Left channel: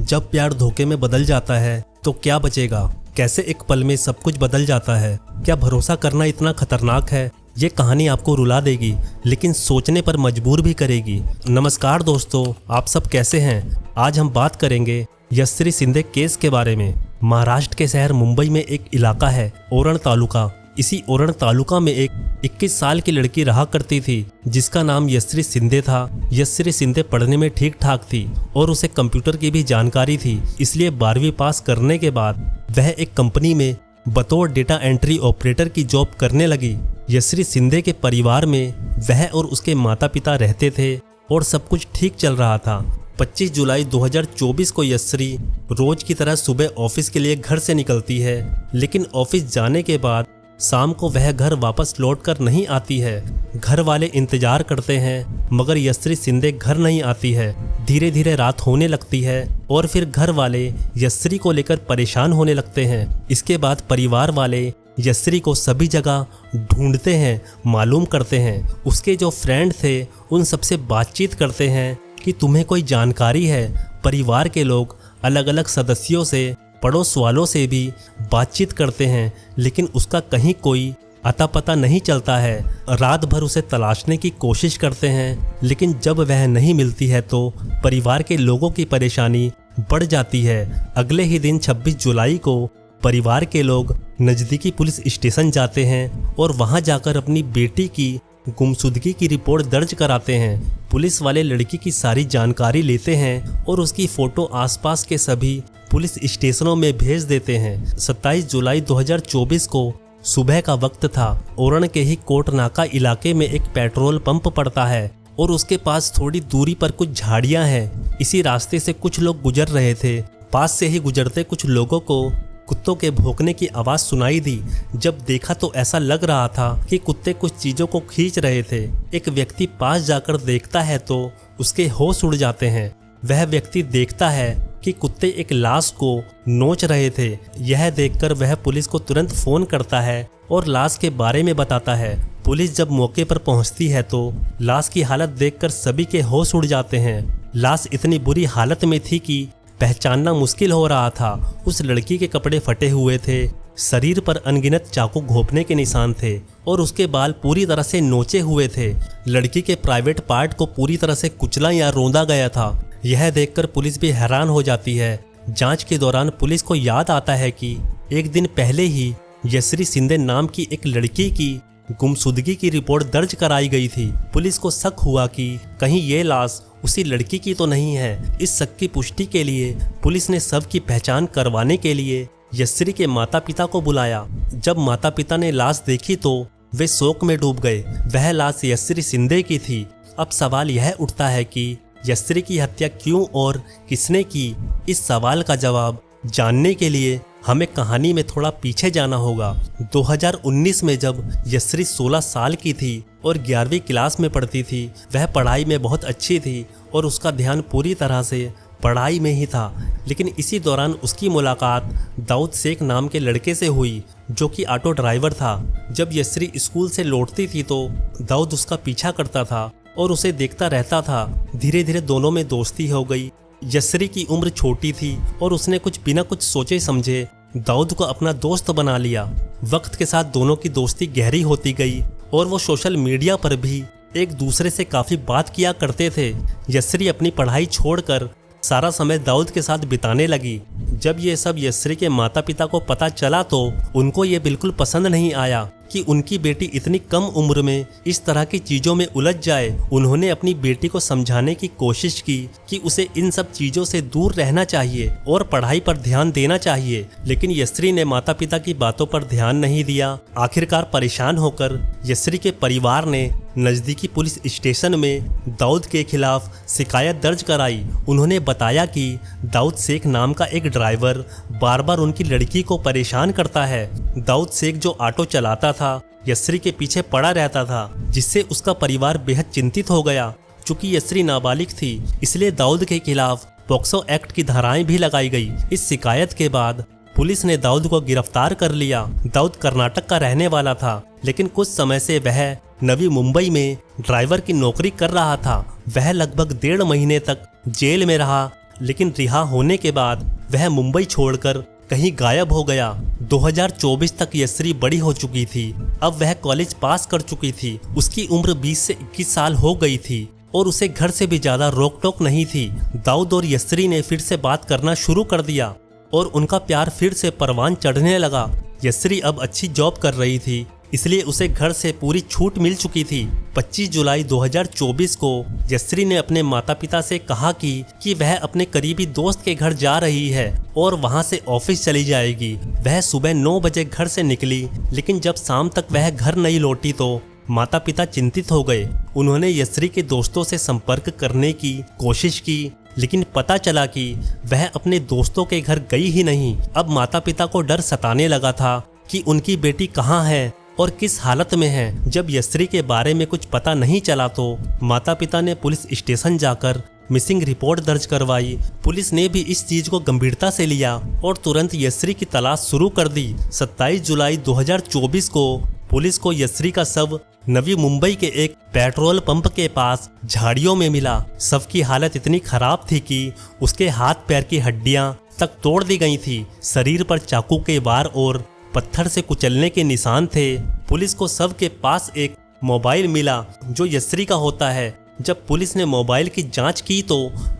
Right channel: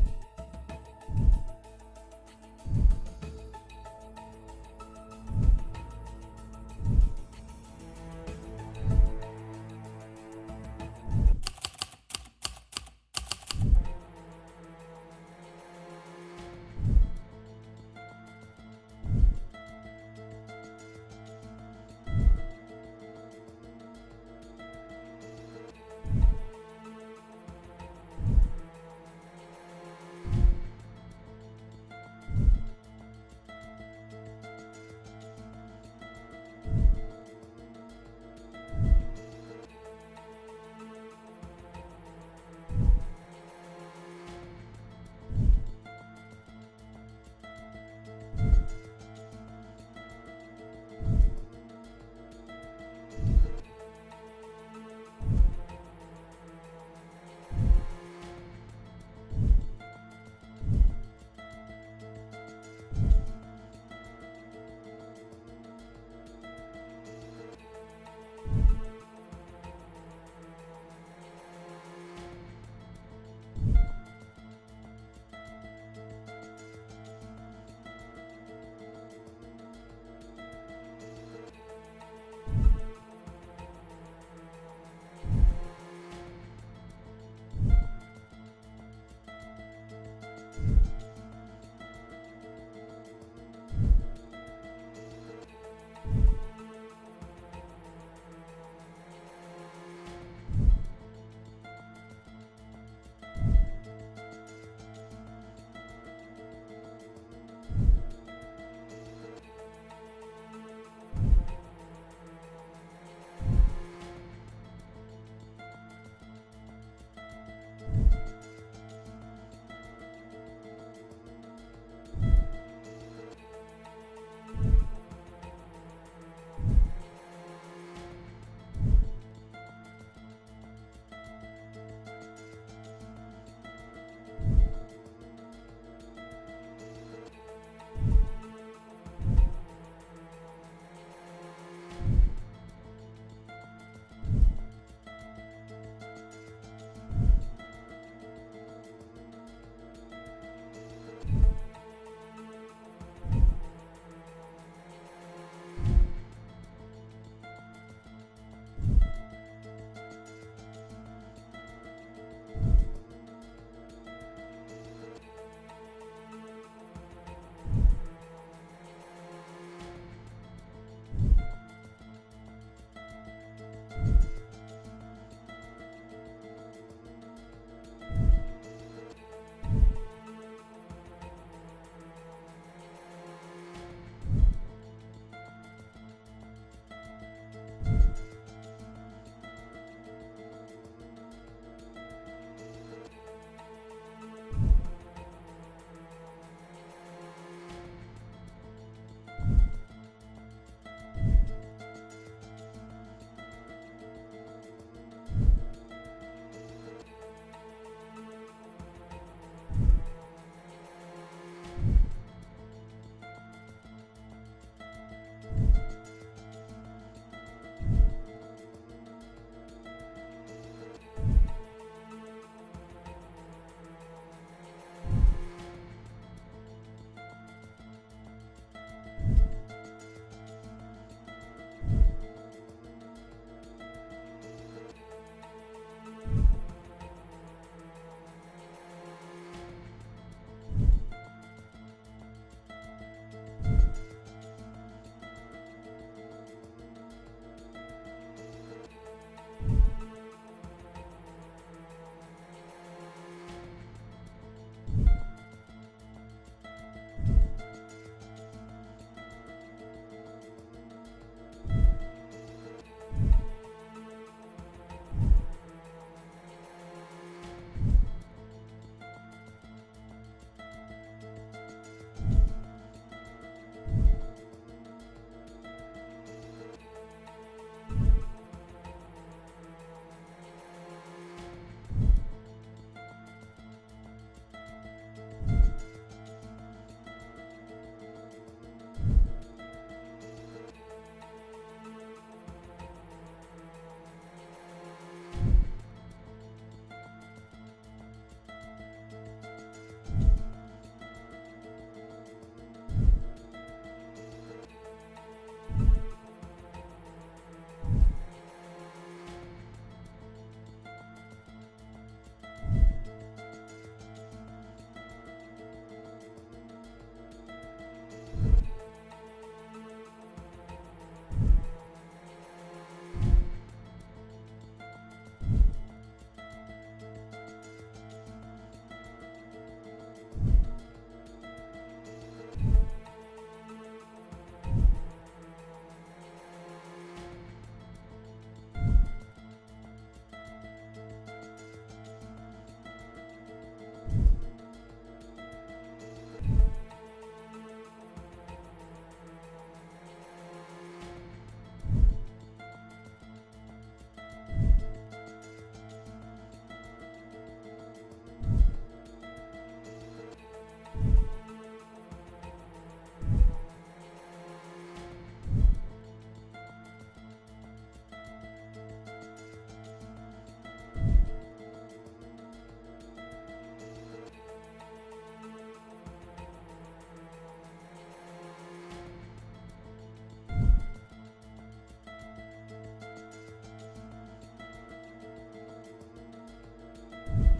जब प्यार धोखे में बदल जाता है तो क्या बचेगा? कैसे एक पल में सब कुछ बदल जाता है? क्या भरोसा करना इतना खतरनाक है? ये कहानी आपको रुला देगी लेकिन सोचने पर मजबूर भी करेगी। नमस्कार दोस्तों, आप सब कैसे हैं? आज हम बात करेंगे यशस्वी शिंदे केस के बारे में। महाराष्ट्र के शहर मुंबई में एक इलाका है ओरण तालुका। इसी ओरण तालुका में एक 21 साल की लड़की रहा करती थी जिसका नाम यशस्वी शिंदे था। यशस्वी शिंदे पढ़ने में ठीक ठाक थी और उसे कंप्यूटर की भी जानकारी थी, इसलिए 12वीं पास करने के बाद वह एक कंपनी में बतौर डेटा एंट्री ऑपरेटर की जॉब करने लगी। यशस्वी शिंदे के परिवार में वह और उसके माता पिता रहते थे और सब कुछ ठीक चल रहा था। 25 जुलाई 2024 को यशस्वी रोज की तरह सुबह ऑफिस के लिए घर से निकलती है, लेकिन ऑफिस जाने के बाद शाम को वह घर वापस लौटकर नहीं आती है। घर वाले इंतजार करते हैं मगर यशस्वी शिंदे घर नहीं आती है। धीरे धीरे रात होने लगती है और फिर घर वाले यशस्वी को लेकर परेशान होने लगते हैं। इसके बाद परिवार वाले यशस्वी को सभी जगह ढूंढते हैं, मालूम करते हैं। उसके जो फ्रेंड थे उन सबसे बातचीत करते हैं कि तुम्हें कोई जानकारी है। परिवार के लोग अलग अलग सदस्यों से, पड़ोस वालों से भी बातचीत करते हैं लेकिन उसका कहीं कोई अता पता नहीं चलता है। रात भर उसे तलाशने की कोशिश करते हैं लेकिन जब वह नहीं मिलती है तो परिवार के लोगों की परेशानी बढ़ जाती है। अगले ही दिन 26 जुलाई को परिवार के लोग नज़दीकी पुलिस स्टेशन जाते हैं और वहां जाकर अपनी बेटी की गुमशुदगी की रिपोर्ट दर्ज कराते हैं। पुलिस वाले लड़की की सारी जानकारी लेते हैं और उसकी फ़ोटो आसपास के सभी पुलिस स्टेशनों में भेज देते हैं। 27 जुलाई 2024 को सुबह का वक्त था। ओरण के ही कोटनाका इलाके में एक पेट्रोल पंप पड़ता है और उसके पास थोड़ी दूरी पर कुछ झाड़ियां हैं। इसी रास्ते से कुछ लोग गुजर रहे थे। पास से ही गुजरते कुछ लोगों को कुत्तों के भौंकने की आवाज़ सुनाई दी। जब देखा तो ऐसा लग रहा था कि कुत्ते कुछ चीज़ों को खींच रहे थे। एक व्यक्ति पास जाकर देखता है तो उसके होश उड़ जाते हैं। वह व्यक्ति देखता है कि कुत्ते एक लाश को नोच रहे थे। यह देखकर वह पुलिस को तुरंत फ़ोन करता है और लाश के बारे में बताता है। पुलिस जब मौके पर पहुंचती है तो लाश की हालत देखकर सभी के होश उड़ जाते हैं। लाश इतनी बुरी हालत में थी कि पहचानना मुश्किल हो रहा था। उस लड़की के कपड़े फटे हुए थे, शरीर पर अनगिनत चाकू घोंपने के निशान थे और उसके बाल पूरी तरह से नोचे हुए थे। लड़की के प्राइवेट पार्ट को पूरी तरह से कुचला या रौंदा गया था। यह देखकर पुलिस भी हैरान हो जाती है। जांच के दौरान पुलिस को याद आता है कि एक दिन पहले ही यशस्वी शिंदे नाम की एक लड़की की गुमशुदगी की रिपोर्ट दर्ज कराई गई थी। पुलिस को शक हुआ कि कहीं ये लाश उसी लड़की की तो नहीं है। इस शक की पुष्टि के लिए पुलिस ने शव की पहचान करवाने के लिए यशस्वी के माता पिता को बुलाया। जब माता पिता ने लाश देखी तो वे शोक में डूब गए। वह लाश यशस्वी शिंदे की थी। अब सवाल यह उठता है कि यशस्वी की हत्या क्यों और किसने की? इस सवाल का जवाब जानने के लिए हमें कहानी में थोड़ा पीछे जाना होगा। 2019 में जब यशस्वी 16 साल की थी और 11वीं क्लास में पढ़ती थी, वह पढ़ाई में बहुत अच्छी थी और उसका ध्यान पूरी तरह से पढ़ाई में ही था। लेकिन इसी दौरान उसकी मुलाकात दाऊद शेख नाम के लड़के से हुई जो कि ऑटो ड्राइवर था। जब यशस्वी स्कूल से लौटती थी तो दाऊद उसका पीछा करता था और उसे देखता रहता था। धीरे धीरे दोनों में दोस्ती हो गई। यशस्वी की उम्र छोटी थी और उसने बिना कुछ सोचे समझे दाऊद को अपना दोस्त बना लिया। वक्त के साथ दोनों की दोस्ती गहरी होती गई और वो सोशल मीडिया पर भी एक दूसरे से काफ़ी बात किया करते थे। यशस्वी अपनी पढ़ाई छोड़कर सारा समय दाऊद के साथ बिताने लगी। जब ये सब यशस्वी के माता पिता को पता चला तो उनको ये बिल्कुल पसंद नहीं आया कि उनकी बेटी इतनी कम उम्र में इस तरह की चीज़ों में उलझ जाए। उन्होंने अपनी बेटी को समझाने की कोशिश की कि उसे इन सब चीज़ों से दूर रहना चाहिए और पढ़ाई पर ध्यान देना चाहिए, लेकिन यशस्वी ने माता पिता की बातों पर ध्यान नहीं दिया। आखिरकार परेशान होकर यशस्वी के परिवार ने नज़दीकी पुलिस स्टेशन में दाऊद के खिलाफ शिकायत दर्ज कराई। उन्होंने बताया कि दाऊद शेख नाम का एक ड्राइवर बार बार उनकी लड़की को परेशान करता है। दाऊद शेख जो ऑटो चलाता था यशस्वी के पीछे पड़ा रहता था, जिससे उसका परिवार बेहद चिंतित हो गया। चूंकि यशस्वी नाबालिग थी इसलिए दाऊद के खिलाफ पॉक्सो एक्ट की धाराएं भी लगाई गई। इस शिकायत के बाद पुलिस ने दाऊद को गिरफ्तार कर लिया। दाऊद कर्नाटक का रहने वाला था, लेकिन कुछ समय से वह नवी मुंबई में ड्राइवर की नौकरी कर रहा था। वह लगभग 1.5 महीने तक जेल में रहा। लेकिन रिहा होने के बाद वह मुंबई छोड़कर कहीं गायब हो गया। 2024 तक यस्री बड़ी हो चुकी थी। अब वह कॉलेज पास कर चुकी थी। उसकी उम्र 20 से 21 साल हो गई थी और उसे घर से भी ज्यादा रोक टोक नहीं थी। दाऊद और यस्री ने फिर से बात करना शुरू कर दिया और उनका प्यार फिर से परवान चढ़ने लगा। यस्री अब अच्छी जॉब कर रही थी, इसलिए उसे घर से पूरी छूट मिल चुकी थी। 25 जुलाई 2024 को यस्री ने अपने माता पिता से कहा कि वह अपने करीबी दोस्त के घर जा रही है और वहां से ऑफिस चली जाएगी। वह सुबह 9 बजे घर से निकली, लेकिन जब शाम तक वह घर नहीं लौटी तो माता पिता चिंतित हो गए। उन्होंने यस्री के दोस्तों से संपर्क करने की कोशिश की, लेकिन पता चला कि वह अपने दोस्तों के घर गई ही नहीं। अब माता पिता को डर सताने लगा था कि उनकी बेटी कहाँ है और किस हालत में है। जब यस्री के बारे में कुछ पता नहीं चला तो माता पिता ने पुलिस स्टेशन जाकर मिसिंग रिपोर्ट दर्ज करवाई। पुलिस ने भी इस चीज को गंभीरता से लिया और तुरंत यस्री की तलाश शुरू कर दी। 27 जुलाई 2024 को पुलिस को यस्री का शव नवी मुंबई के एक पेट्रोल पंप के पास झाड़ियों में मिला। शव की हालत इतनी खराब थी कि उसके हाथ पैर की हड्डियां तक तोड़ दी गई थी। शरीर पर चाकू के वार और पत्थर से कुचलने के निशान थे। पुलिस को शव के पास एक मोबाइल मिला जो यस्री का होता है। जब पुलिस ने मोबाइल की जांच की तो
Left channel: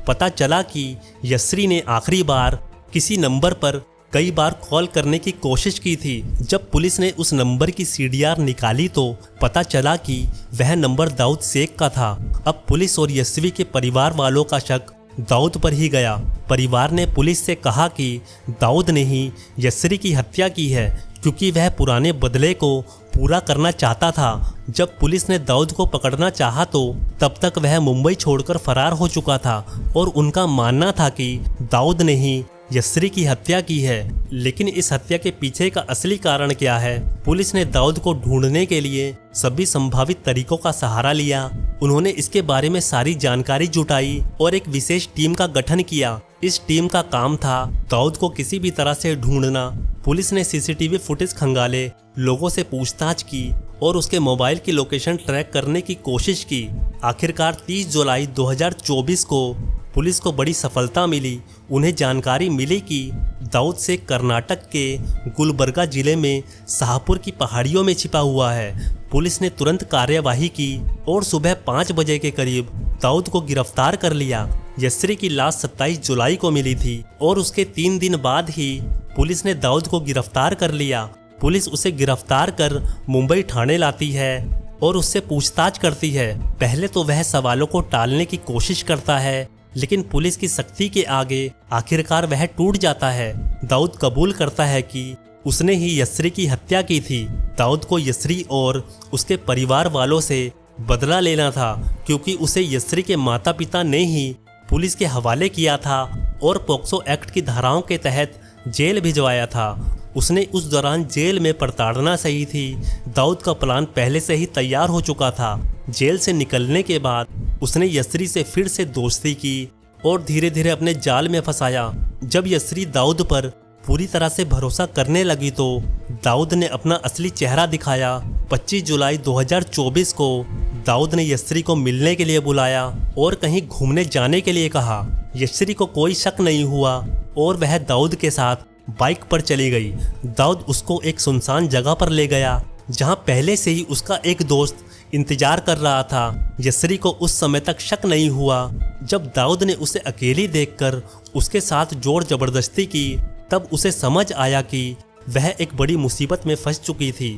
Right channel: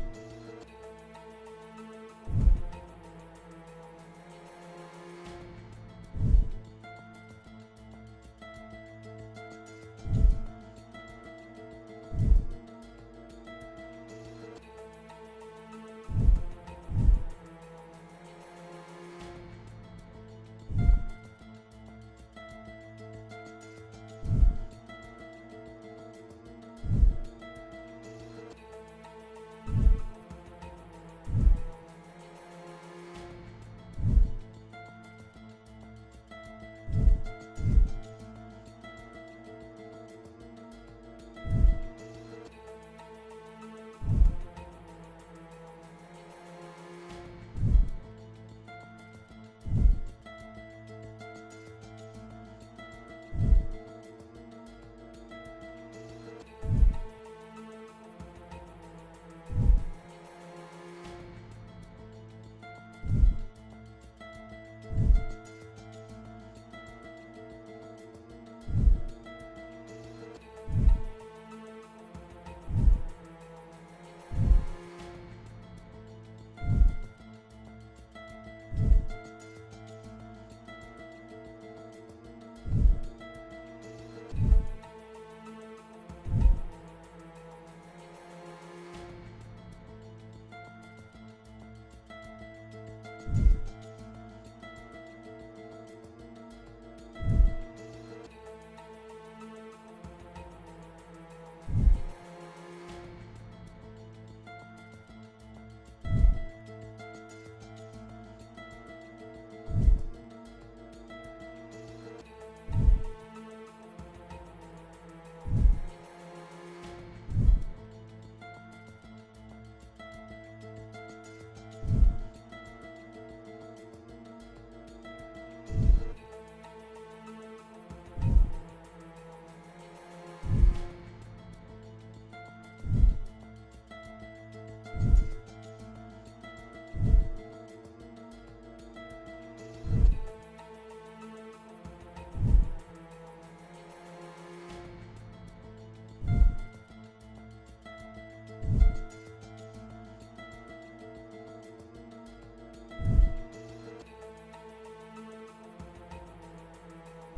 पता चला कि यस्री ने आखिरी बार किसी नंबर पर कई बार कॉल करने की कोशिश की थी। जब पुलिस ने उस नंबर की CDR निकाली तो पता चला कि वह नंबर दाऊद शेख का था। अब पुलिस और यस्वी के परिवार वालों का शक दाऊद पर ही गया। परिवार ने पुलिस से कहा कि दाऊद ने ही यस्री की हत्या की है, क्योंकि वह पुराने बदले को पूरा करना चाहता था। जब पुलिस ने दाऊद को पकड़ना चाहा तो तब तक वह मुंबई छोड़कर फरार हो चुका था और उनका मानना था कि दाऊद ने ही यस्री की हत्या की है। लेकिन इस हत्या के पीछे का असली कारण क्या है? पुलिस ने दाऊद को ढूंढने के लिए सभी संभावित तरीकों का सहारा लिया। उन्होंने इसके बारे में सारी जानकारी जुटाई और एक विशेष टीम का गठन किया। इस टीम का काम था दाऊद को किसी भी तरह से ढूंढना। पुलिस ने CCTV फुटेज खंगाले, लोगों से पूछताछ की और उसके मोबाइल की लोकेशन ट्रैक करने की कोशिश की। आखिरकार 30 जुलाई 2024 को पुलिस को बड़ी सफलता मिली। उन्हें जानकारी मिली कि दाऊद शेख कर्नाटक के गुलबर्गा जिले में शाहपुर की पहाड़ियों में छिपा हुआ है। पुलिस ने तुरंत कार्यवाही की और सुबह 5 बजे के करीब दाऊद को गिरफ्तार कर लिया। यस्री की लाश 27 जुलाई को मिली थी और उसके 3 दिन बाद ही पुलिस ने दाऊद को गिरफ्तार कर लिया। पुलिस उसे गिरफ्तार कर मुंबई थाने लाती है और उससे पूछताछ करती है। पहले तो वह सवालों को टालने की कोशिश करता है, लेकिन पुलिस की सख्ती के आगे आखिरकार वह टूट जाता है। दाऊद कबूल करता है कि उसने ही यस्री की हत्या की थी। दाऊद को यस्री और उसके परिवार वालों से बदला लेना था, क्योंकि उसे यस्री के माता पिता ने ही पुलिस के हवाले किया था और पोक्सो एक्ट की धाराओं के तहत जेल भिजवाया था। उसने उस दौरान जेल में प्रताड़ना सही थी। दाऊद का प्लान पहले से ही तैयार हो चुका था। जेल से निकलने के बाद उसने यस्री से फिर से दोस्ती की और धीरे धीरे अपने जाल में फंसाया। जब यस्री दाऊद पर पूरी तरह से भरोसा करने लगी तो दाऊद ने अपना असली चेहरा दिखाया। 25 जुलाई 2024 को दाऊद ने यस्री को मिलने के लिए बुलाया और कहीं घूमने जाने के लिए कहा। यस्री को कोई शक नहीं हुआ और वह दाऊद के साथ बाइक पर चली गई। दाऊद उसको एक सुनसान जगह पर ले गया जहां पहले से ही उसका एक दोस्त इंतजार कर रहा था। यस्री को उस समय तक शक नहीं हुआ। जब दाऊद ने उसे अकेली देखकर उसके साथ जोर जबरदस्ती की, तब उसे समझ आया कि वह एक बड़ी मुसीबत में फंस चुकी थी।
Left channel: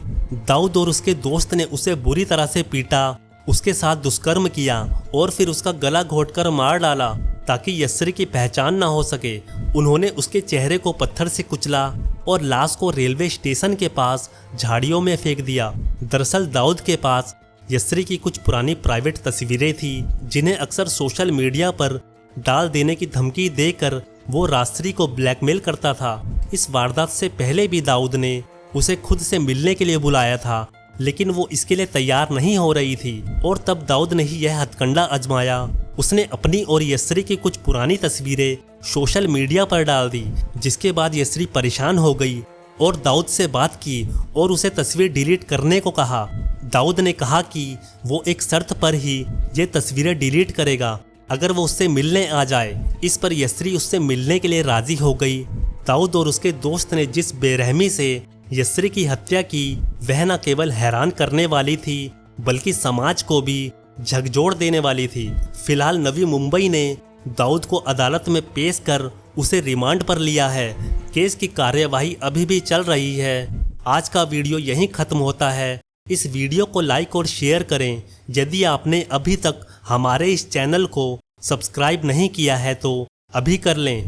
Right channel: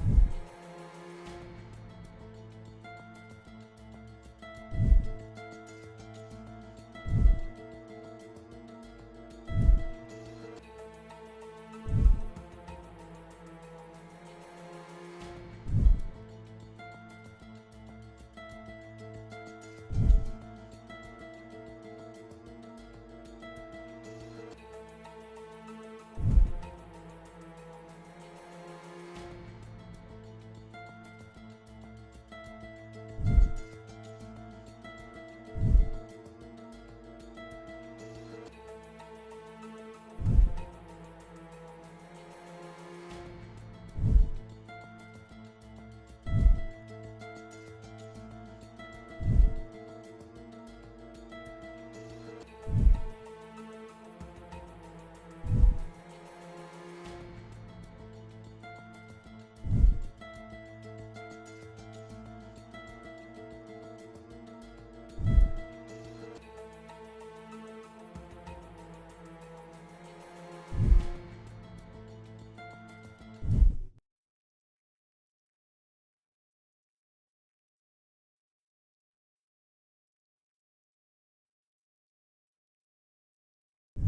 दाऊद और उसके दोस्त ने उसे बुरी तरह से पीटा, उसके साथ दुष्कर्म किया और फिर उसका गला घोंटकर मार डाला ताकि यस्री की पहचान ना हो सके। उन्होंने उसके चेहरे को पत्थर से कुचला और लाश को रेलवे स्टेशन के पास झाड़ियों में फेंक दिया। दरअसल दाऊद के पास यस्री की कुछ पुरानी प्राइवेट तस्वीरें थी, जिन्हें अक्सर सोशल मीडिया पर डाल देने की धमकी देकर वो रास्त्री को ब्लैकमेल करता था। इस वारदात से पहले भी दाऊद ने उसे खुद से मिलने के लिए बुलाया था, लेकिन वो इसके लिए तैयार नहीं हो रही थी और तब दाऊद ने ही यह हथकंडा आजमाया। उसने अपनी और यस्री की कुछ पुरानी तस्वीरें सोशल मीडिया पर डाल दी, जिसके बाद यस्री परेशान हो गई और दाऊद से बात की और उसे तस्वीर डिलीट करने को कहा। दाऊद ने कहा कि वो एक शर्त पर ही ये तस्वीरें डिलीट करेगा, अगर वो उससे मिलने आ जाए। इस पर यस्री उससे मिलने के लिए राजी हो गई। दाऊद और उसके दोस्त ने जिस बेरहमी से यस्री की हत्या की वह न केवल हैरान करने वाली थी बल्कि समाज को भी झकझोर देने वाली थी। फिलहाल नवी मुंबई ने दाऊद को अदालत में पेश कर उसे रिमांड पर लिया है। केस की कार्यवाही अभी भी चल रही है। आज का वीडियो यहीं खत्म होता है। इस वीडियो को लाइक और शेयर करें। यदि आपने अभी तक हमारे इस चैनल को सब्सक्राइब नहीं किया है तो अभी कर लें।